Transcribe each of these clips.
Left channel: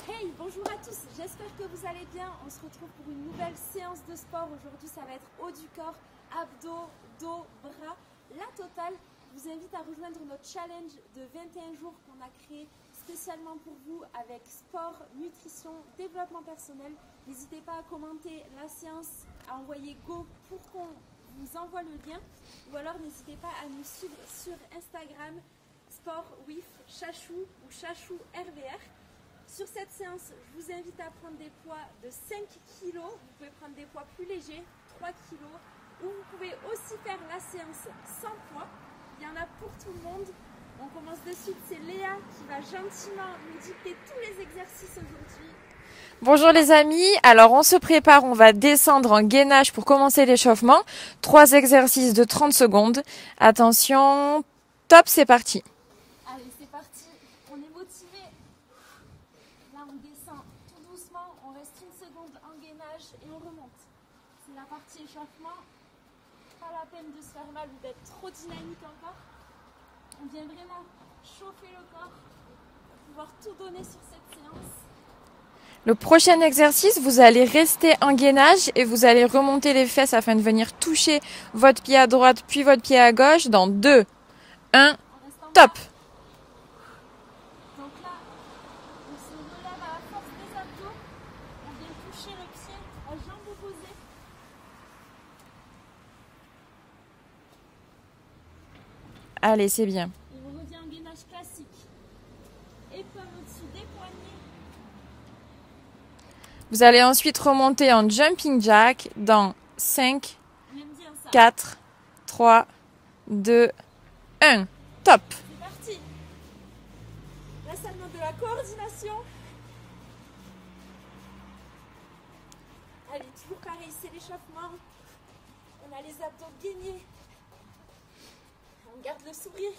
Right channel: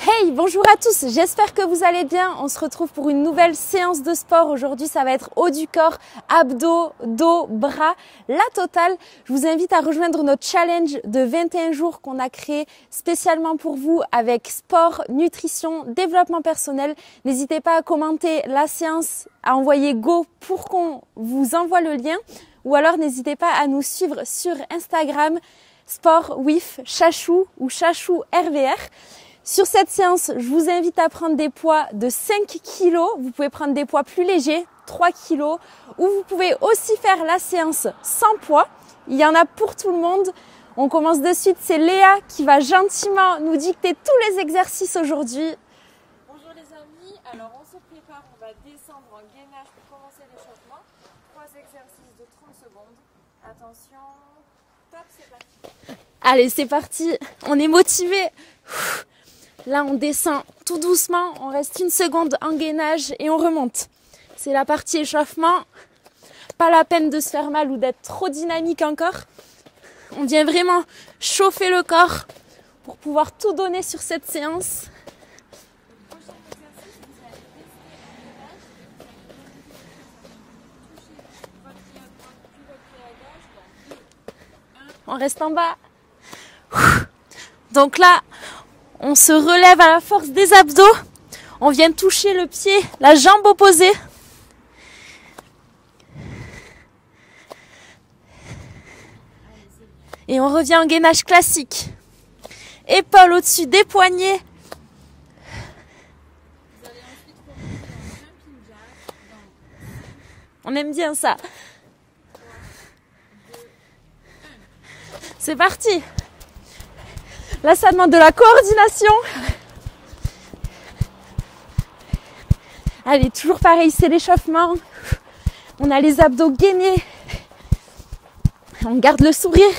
Hey, bonjour à tous, j'espère que vous allez bien. On se retrouve pour une nouvelle séance de sport. Aujourd'hui, ça va être haut du corps, abdos, dos, bras, la totale. Je vous invite à rejoindre notre challenge de 21 jours qu'on a créé spécialement pour vous avec sport, nutrition, développement personnel. N'hésitez pas à commenter la séance, à envoyer go pour qu'on vous envoie le lien. Ou alors, n'hésitez pas à nous suivre sur Instagram, sport with Chachou ou Chachou RVR. Sur cette séance, je vous invite à prendre des poids de 5 kg. Vous pouvez prendre des poids plus légers, 3 kg. Ou vous pouvez aussi faire la séance sans poids. Il y en a pour tout le monde. On commence de suite. C'est Léa qui va gentiment nous dicter tous les exercices aujourd'hui. Bonjour les amis, alors on se prépare, on va descendre en gainage pour commencer l'échauffement. 3 exercices de 30 secondes. Attention, top, c'est parti. Allez, c'est parti, on est motivé. Là, on descend tout doucement, on reste une seconde en gainage et on remonte. C'est la partie échauffement. Pas la peine de se faire mal ou d'être trop dynamique encore. On vient vraiment chauffer le corps pour pouvoir tout donner sur cette séance. Le prochain exercice, vous allez rester en gainage et vous allez remonter les fesses afin de venir toucher votre pied à droite puis votre pied à gauche dans 2, 1, on reste en bas. Top. Donc là, on se relève à la force des abdos. On vient toucher le pied, la jambe opposée. Allez, c'est bien. Et on revient en gainage classique. Épaules au-dessus des poignets. Vous allez ensuite remonter en jumping jack dans 5, on aime bien ça. 4, 3, 2, 1. Top. C'est parti. Là, ça demande de la coordination. Allez, toujours pareil, c'est l'échauffement. On a les abdos gainés. On garde le sourire.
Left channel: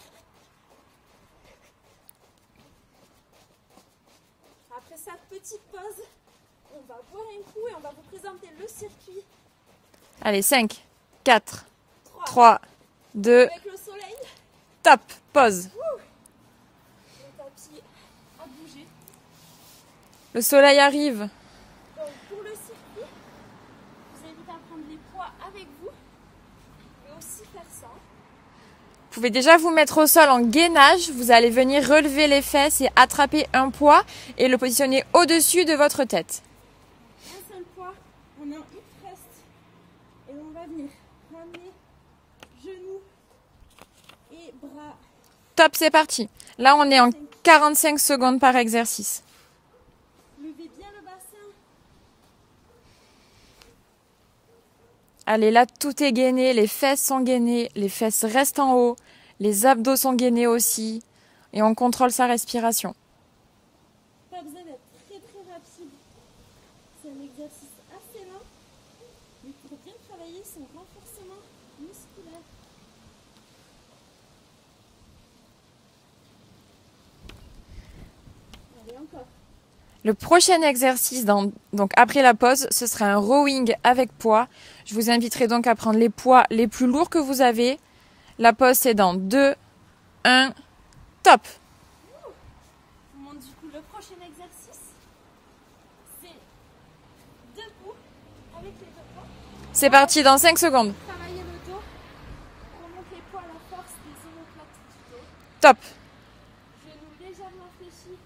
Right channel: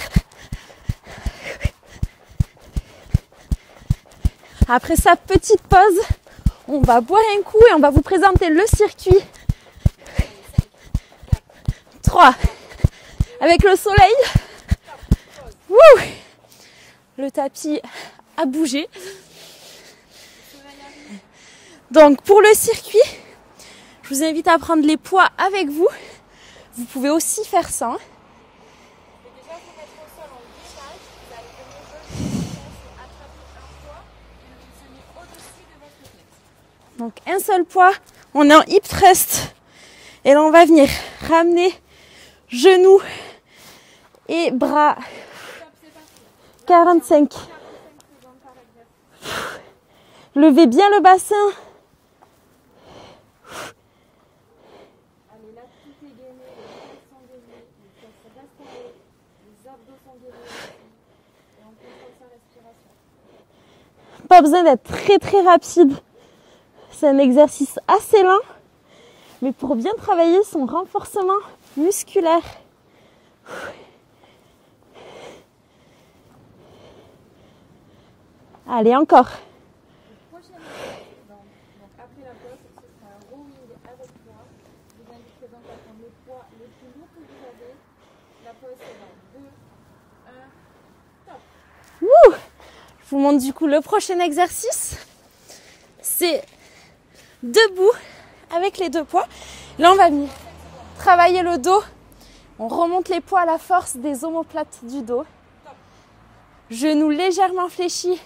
Après sa petite pause, on va boire un coup et on va vous présenter le circuit. Allez, 5, 4, 3, 2. Avec le soleil. Top. Pause. Wouh! Le tapis a bougé. Le soleil arrive. Donc pour le circuit, je vous invite à prendre les poids avec vous. Vous pouvez aussi faire ça. Vous pouvez déjà vous mettre au sol en gainage. Vous allez venir relever les fesses et attraper un poids et le positionner au-dessus de votre tête. Donc un seul poids, on est en hip thrust. Et là on va venir ramener genoux et bras. Top, c'est parti. Là, 45. on est en 45 secondes par exercice. Levez bien le bassin. Allez, là, tout est gainé. Les fesses sont gainées. Les fesses restent en haut. Les abdos sont gainés aussi. Et on contrôle sa respiration. Pas besoin d'être très rapide. C'est un exercice assez lent. Mais pour bien travailler son renforcement musculaire. Allez, encore. Le prochain exercice, donc après la pause, ce sera un rowing avec poids. Je vous inviterai donc à prendre les poids les plus lourds que vous avez. La pause, c'est dans 2, 1, top. Wouh! Je vous montre du coup le prochain exercice. C'est debout avec les 2 poids. C'est parti dans 5 secondes. Travailler le dos. On remonte les poids à la force des omoplates du dos. Top. Genoux légèrement fléchis.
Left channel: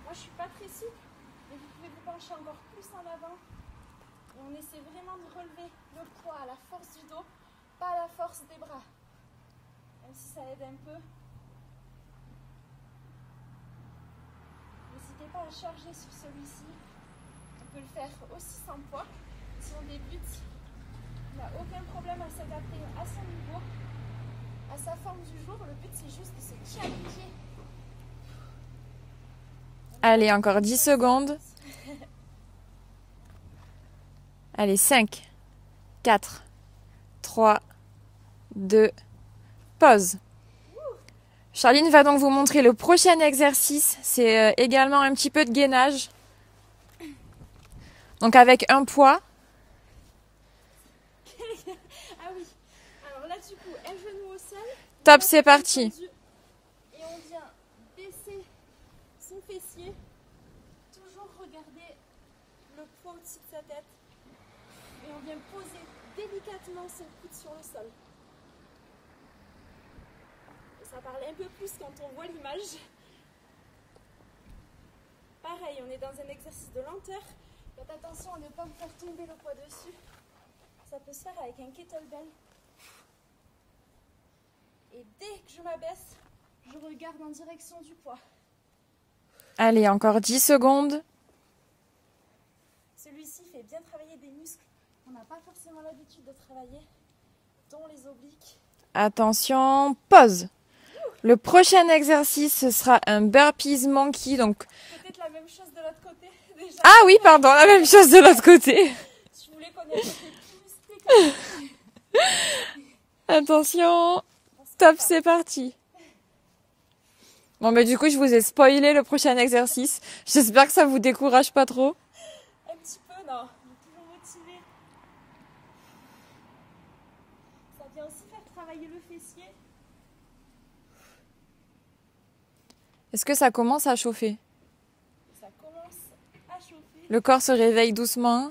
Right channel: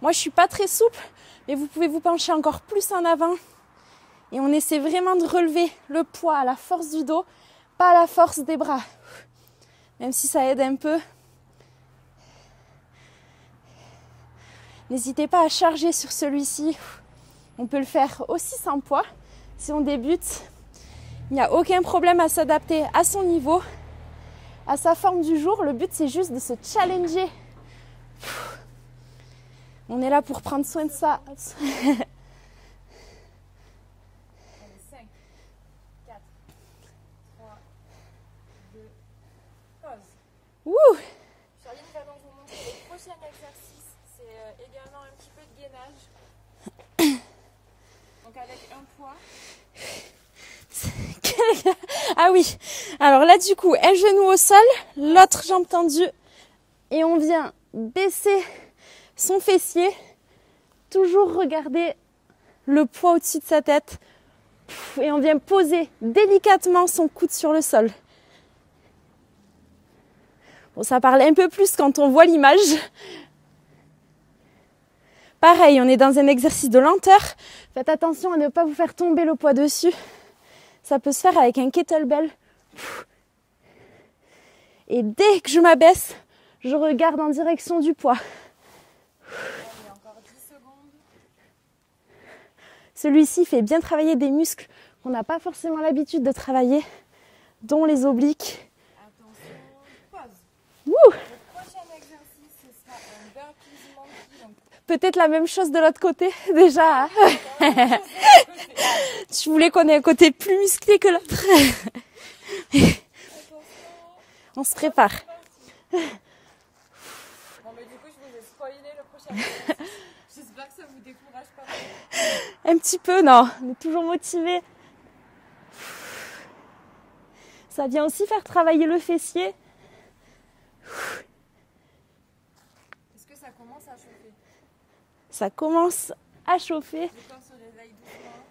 Moi, je suis pas très souple, mais vous pouvez vous pencher encore plus en avant. Et on essaie vraiment de relever le poids à la force du dos, pas à la force des bras. Même si ça aide un peu. N'hésitez pas à charger sur celui-ci. On peut le faire aussi sans poids. Si on débute, il n'y a aucun problème à s'adapter à son niveau, à sa forme du jour. Le but, c'est juste de se challenger. Allez, encore 10 secondes. Allez, 5, 4, 3, 2, pause. Wouh! Charline va donc vous montrer le prochain exercice. C'est également un petit peu de gainage. Donc avec un poids. Ah oui. Alors là, du coup, un genou au sol. Top, l'autre c'est jambe parti. tendue. Et on vient baisser son fessier. Toujours regarder le poids au-dessus de sa tête. Et on vient poser délicatement son coude sur le sol. Bon, ça parle un peu plus quand on voit l'image. Pareil, on est dans un exercice de lenteur. Faites attention à ne pas vous faire tomber le poids dessus. Ça peut se faire avec un kettlebell. Et dès que je m'abaisse, je regarde en direction du poids. Allez, encore 10 secondes. Celui-ci fait bien travailler des muscles qu'on n'a pas forcément l'habitude de travailler, dont les obliques. Attention, pause. Ouh. Le prochain exercice, ce sera un burpees monkey. Donc... Peut-être la même chose de l'autre côté, déjà. Ah oui, pardon, la même chose de l'autre côté. Tu voulais qu'on ait un côté plus musclé que l'autre. Attention, On se stop, prépare. c'est parti. Bon, mais du coup, je vous ai spoilé le prochain exercice. J'espère que ça vous décourage pas trop. Un petit peu, non. On est toujours motivé. Ça vient aussi faire travailler le fessier. Est-ce que ça commence à chauffer? Ça commence à chauffer. Le corps se réveille doucement.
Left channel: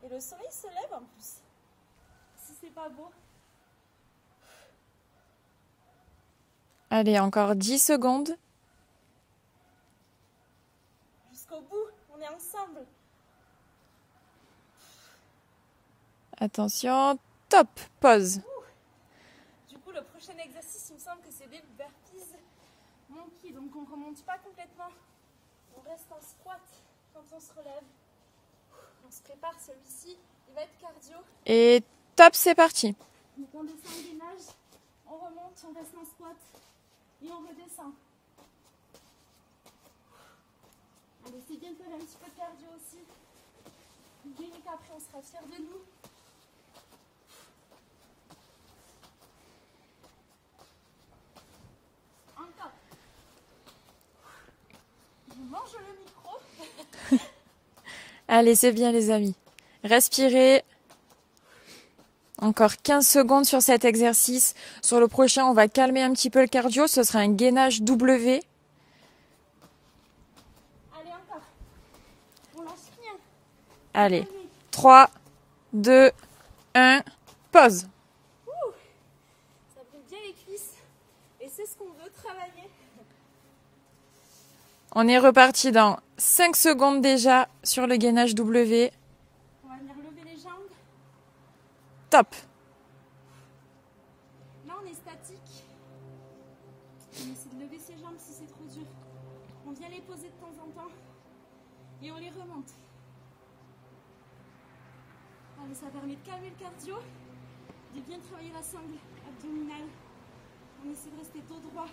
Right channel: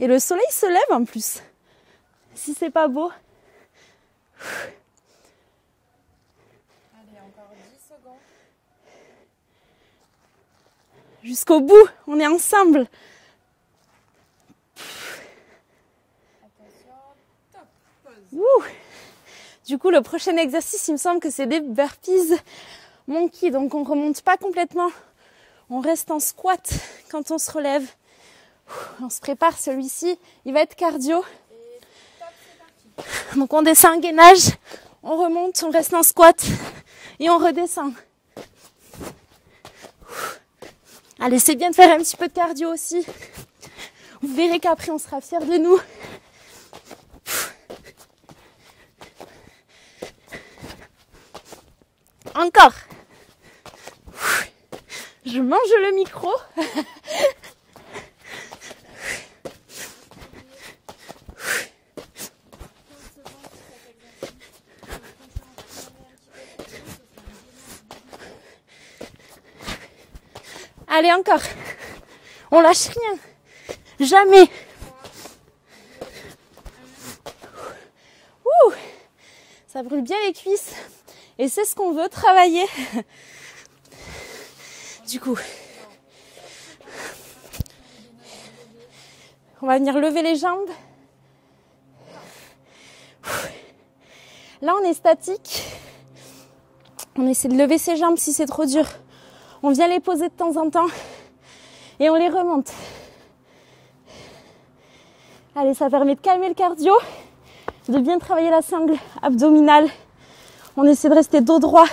Et le soleil se lève en plus. Si c'est pas beau. Allez, encore 10 secondes. Jusqu'au bout, on est ensemble. Attention, top, pause. Ouh. Du coup, le prochain exercice, il me semble que c'est des burpees monkey. Donc, on ne remonte pas complètement. On reste en squat quand on se relève. On se prépare, celui-ci, il va être cardio. Et top, c'est parti. Donc, on descend en gainage, on remonte, on reste en squat et on redescend. Allez, c'est bien de faire un petit peu de cardio aussi. Vous verrez qu'après, on sera fiers de nous. Encore. Je mange le micro. Allez, c'est bien les amis. Respirez. Encore 15 secondes sur cet exercice. Sur le prochain, on va calmer un petit peu le cardio. Ce sera un gainage W. Allez, encore. On lâche rien. Allez. Jamais. 3, 2, 1, pause. Ouh, ça brûle bien les cuisses. Et c'est ce qu'on veut travailler. On est reparti dans 5 secondes déjà sur le gainage W. On va venir lever les jambes. Top. Là, on est statique. On essaie de lever ses jambes si c'est trop dur. On vient les poser de temps en temps. Et on les remonte. Allez, ça permet de calmer le cardio. De bien travailler la sangle abdominale. On essaie de rester dos droit.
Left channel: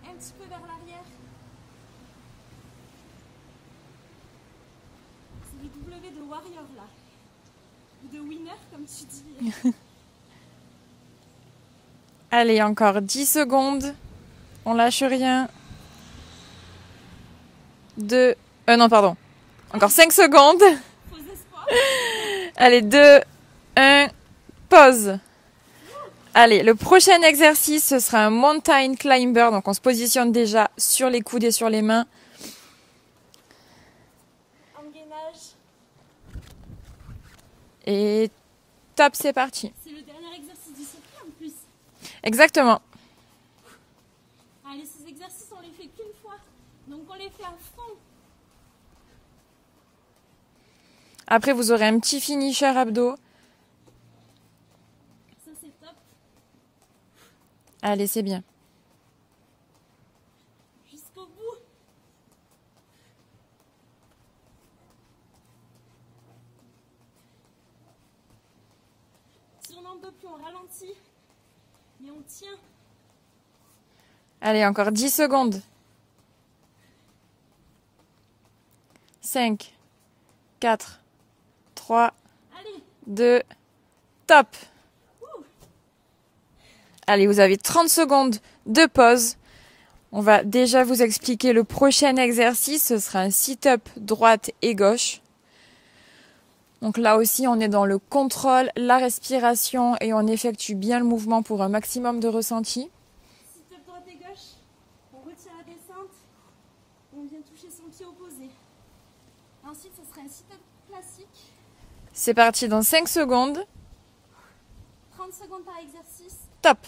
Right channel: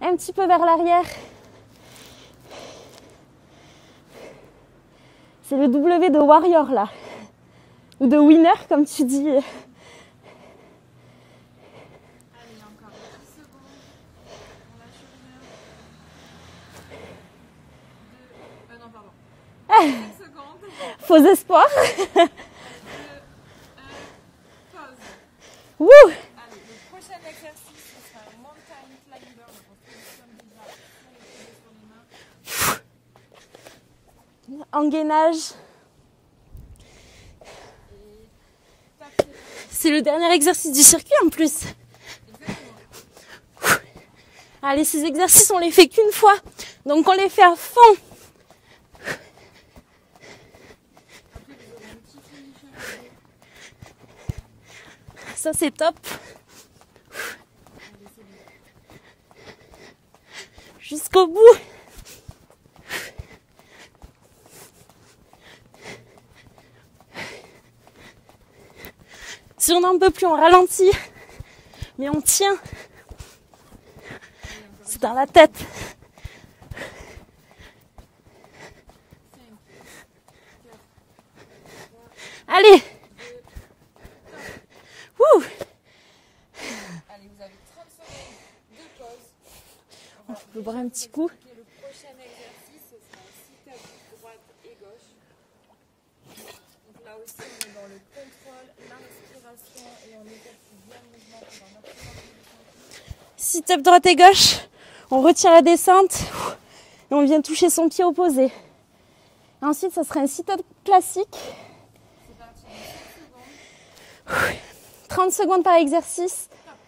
Un petit peu vers l'arrière. C'est le W de warrior là. Ou de winner comme tu dis. Allez, encore 10 secondes. On lâche rien. Encore 5 secondes. Faux espoir. Allez, 2, 1, pause. Wouh. Allez, le prochain exercice, ce sera un mountain climber. Donc, on se positionne déjà sur les coudes et sur les mains. En gainage. Et top, c'est parti. C'est le dernier exercice du circuit en plus. Exactement. Allez, ces exercices, on les fait qu'une fois. Donc, on les fait à fond. Après, vous aurez un petit finisher abdos. Ça, c'est top. Allez, c'est bien. Jusqu'au bout. Si on n'en peut plus, on ralentit. Mais on tient. Allez, encore 10 Sur la secondes. tête. 5, 4, 3, Allez. 2, top. Ouh. Allez, vous avez 30 secondes de pause. On va déjà vous expliquer le prochain exercice. Ce sera un sit-up droite et gauche. Donc là aussi, on est dans le contrôle, la respiration et on effectue bien le mouvement pour un maximum de ressenti. Sit-up droite et gauche. On retire la descente et on vient toucher son pied opposé. Ensuite, ça sera un sit-up classique. C'est parti dans 5 secondes. 30 secondes par exercice. Top.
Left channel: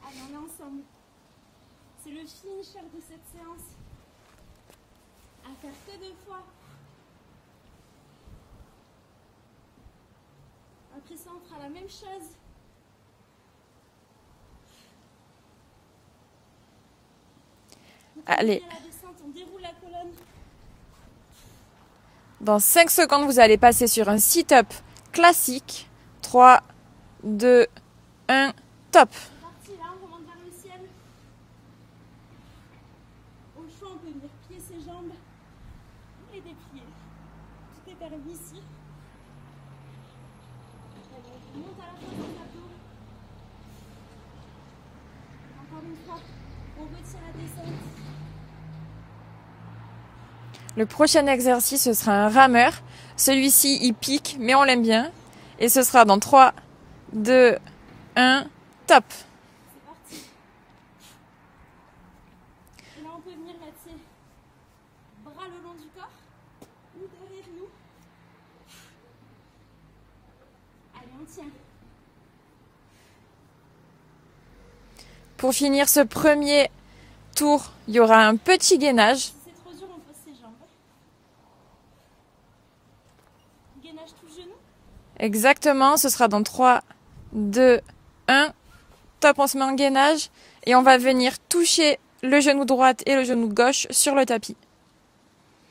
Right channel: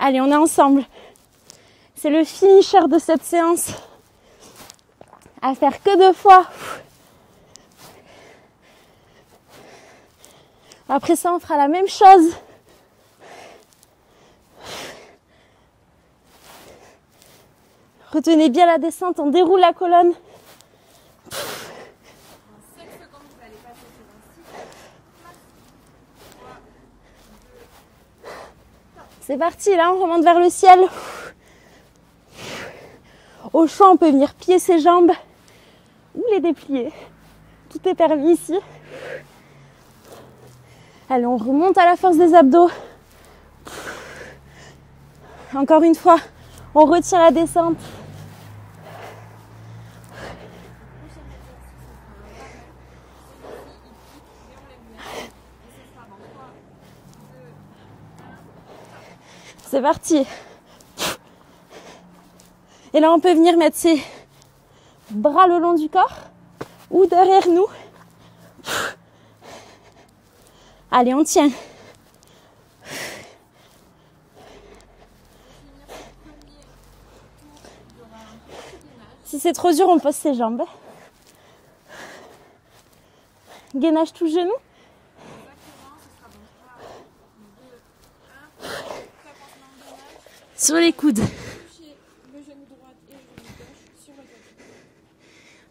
Allez, on est ensemble. C'est le finisher de cette séance. À faire que 2 fois. Après ça, on fera la même chose. Retenez bien la descente, on déroule la colonne. Dans 5 secondes, vous allez passer sur un sit-up classique. 3, 2, 1, top. C'est parti, là, on remonte vers le ciel. Au choix, on peut venir plier ses jambes ou les déplier. Tout est permis ici. Allez, on remonte à la force des abdos. Encore une fois, on retire la descente. Le prochain exercice, ce sera un rameur. Celui-ci, il pique, mais on l'aime bien. Et ce sera dans 3, 2, 1, top. C'est parti. Et là, on peut venir mettre ses bras le long du corps ou derrière nous. Allez, on tient. Pour finir ce premier tour, il y aura un petit gainage. Si c'est trop dur, on pose ses jambes. Gainage tout genou. Exactement, ce sera dans 3, 2, 1. Top, on se met en gainage. Et on va venir toucher le genou droit et le genou gauche sur le tapis.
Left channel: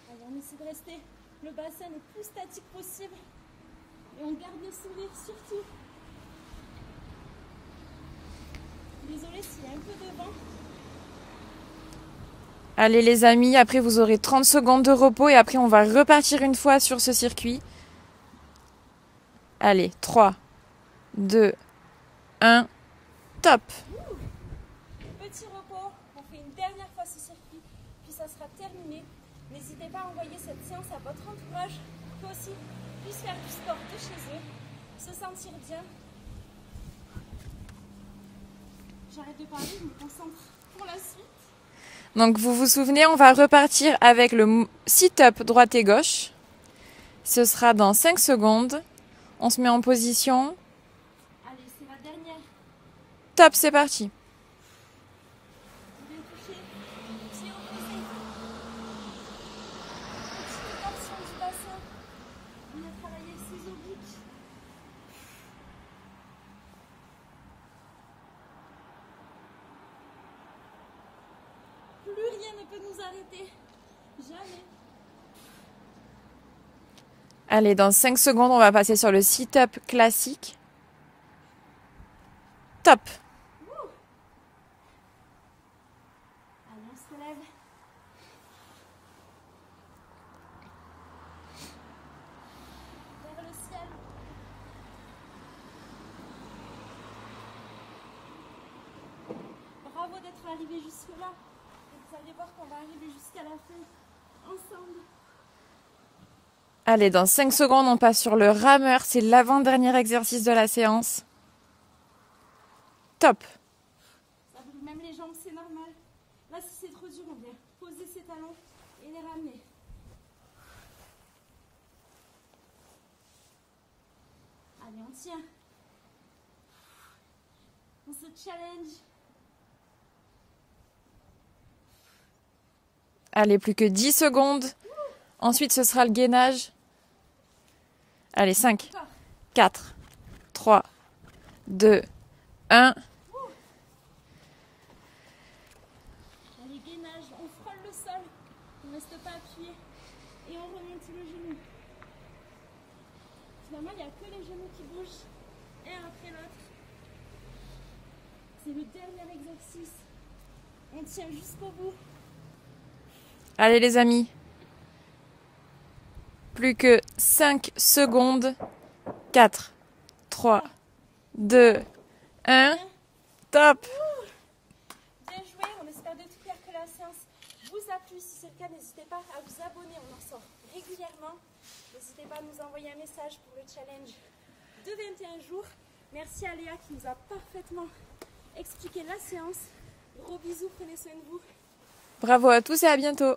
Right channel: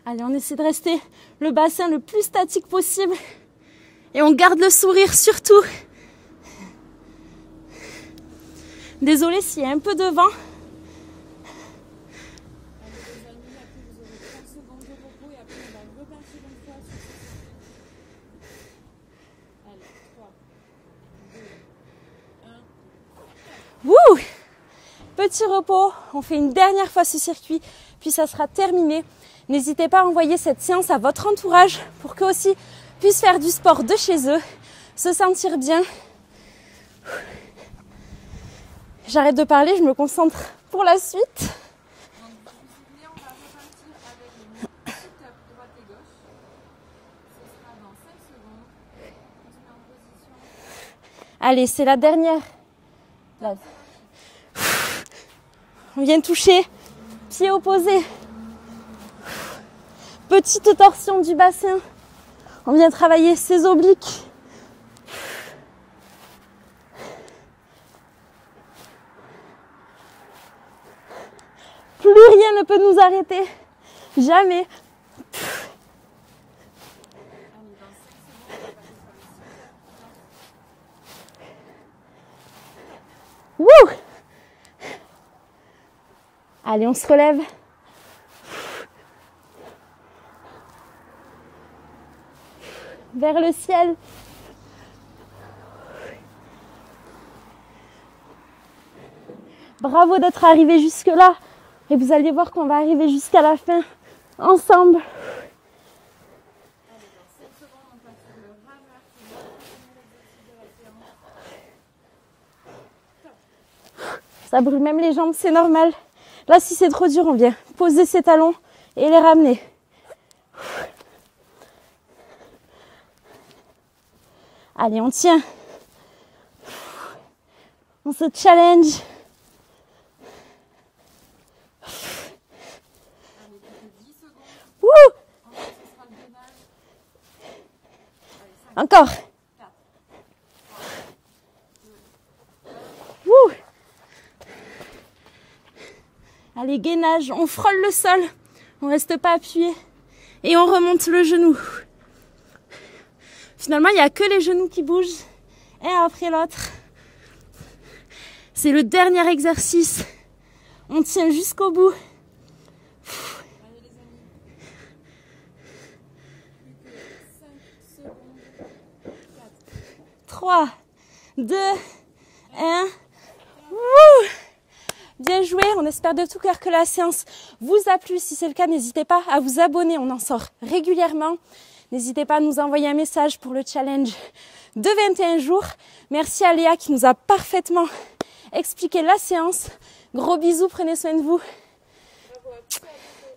Allez, on essaie de rester le bassin le plus statique possible. Et on garde le sourire surtout. Désolée s'il y a un peu de vent. Allez les amis, après vous aurez 30 secondes de repos et après on va repartir une fois sur ce circuit. Allez, 3, 2, 1, top. Wouh! Petit repos, on fait une dernière fois ce circuit, puis ça sera terminé. N'hésitez pas à envoyer cette séance à votre entourage pour qu'eux aussi puissent faire du sport de chez eux, se sentir bien. J'arrête de parler, je me concentre pour la suite. Donc vous vous souvenez, on va repartir avec le sit-up droite et gauche. Ce sera dans 5 secondes. On se met en position. Allez, c'est la dernière. Top, c'est parti. On vient toucher, pied opposé. Petite torsion du bassin. On vient travailler ses obliques. Plus rien ne peut nous arrêter. Jamais. Allez, dans 5 secondes, on va passer sur le sit-up classique. Top. Wouh! Allez, on se relève. Vers le ciel. Bravo d'être arrivé jusque-là. Et vous allez voir qu'on va arriver jusqu'à la fin, ensemble. Allez, dans 5 secondes, on passe sur le rameur. C'est l'avant-dernier exercice de la séance. Top. Ça brûle même les jambes, c'est normal. Là, si c'est trop dur, on vient poser ses talons et les ramener. Allez, on tient. On se challenge. Allez, plus que 10 secondes. Wouh! Ensuite, ce sera le gainage. Allez, 5, Encore. 4, 3, 2, 1. Wouh! Allez, gainage, on frôle le sol. On ne reste pas appuyé. Et on remonte le genou. Finalement, il n'y a que les genoux qui bougent, un après l'autre. C'est le dernier exercice. On tient jusqu'au bout. Allez les amis. Plus que 5 secondes. 4, 3, 2, 1. Top. Wouh! Bien joué, on espère de tout cœur que la séance vous a plu. Si c'est le cas, n'hésitez pas à vous abonner, on en sort régulièrement. N'hésitez pas à nous envoyer un message pour le challenge de 21 jours. Merci à Léa qui nous a parfaitement expliqué la séance. Gros bisous, prenez soin de vous. Bravo à tous et à bientôt.